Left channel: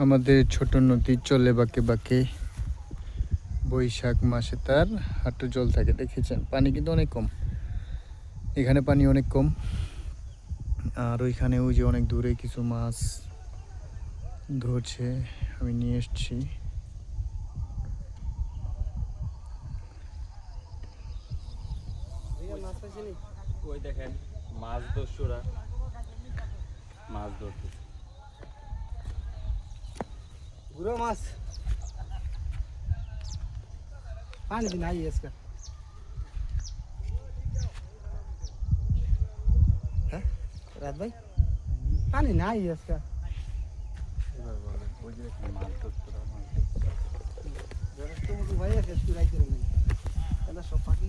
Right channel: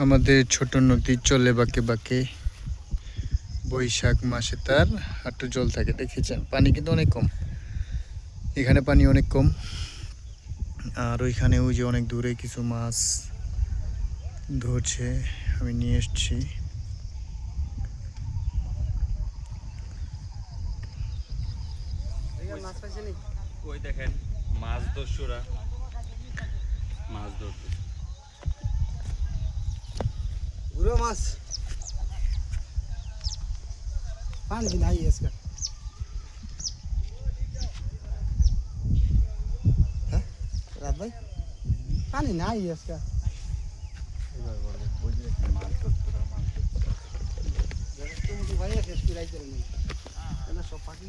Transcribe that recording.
আমাদের ছোট নদী চলে বাঁকে বাঁকে, বৈশাখ মাসে তার হাঁটু জল থাকে। দেখেছেন পানি কিন্তু অনেক কম, এখানে পানি অনেক কম। আর ওইখানে ওই যে অনেক দূরে কিছু মাছ ধরছে, আমি নিয়ে এসছি। ওই দেখেন মাছ দস্যুরা মাছ ধরতে, গুড়ো মাছ पानी भी नहीं है इसका है रात भाई पानी नहीं है इसका जरा तो मुझे वही है कि इसकी राइट करेंगे पहले सोफा की